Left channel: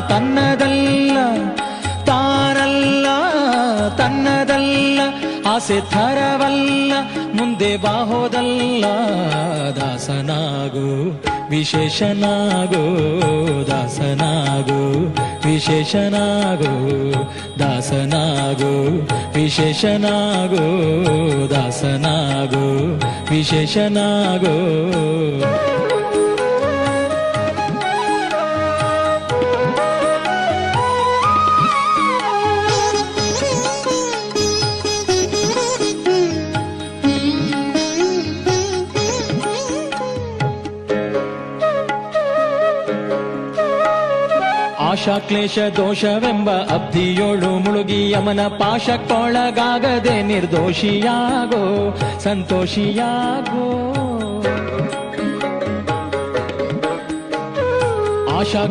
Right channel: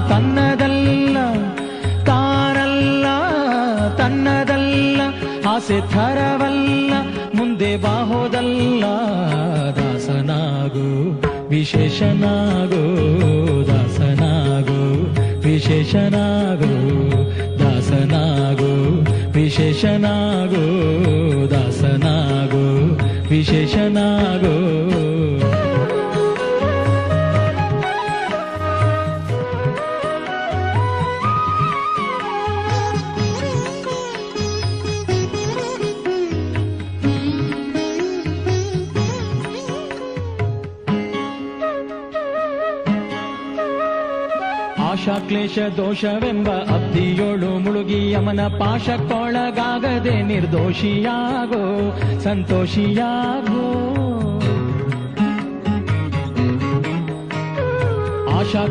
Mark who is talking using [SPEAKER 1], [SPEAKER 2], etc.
[SPEAKER 1] ತನ್ನದಲ್ಲ ತಾನಲ್ಲ ತನ್ನದಲ್ಲ, ಆಸೆ ಥರವಲ್ಲ, ಮುಂದೆ ಬಾಹೋದಲ್ಲ ದಾಸನಾಗೋ, ವಿಶೇಷನಾಗೋ ದಾಸನಾಗೋ ವಿಶೇಷನಾಗೋ ದಾಸನಾಗೋ ವಿಶೇಷನಾಗೋ ದಾಸನಾಗೋ, ವಿಶೇಷನಾಗೋ. ಆಶಾ ಕ್ಲೇಶ ದೋಷವೆಂಬ ಅಬ್ಧಿಯೋಳು ಮುಳುಗಿ ಯಮನ ಪಾಶಕ್ಕೊಳಗಾಗದೆ ನಿರ್ದೋಷಿಯಾಗೋ ಸಂತೋಷಿಯಾಗೋ ಆಶಾ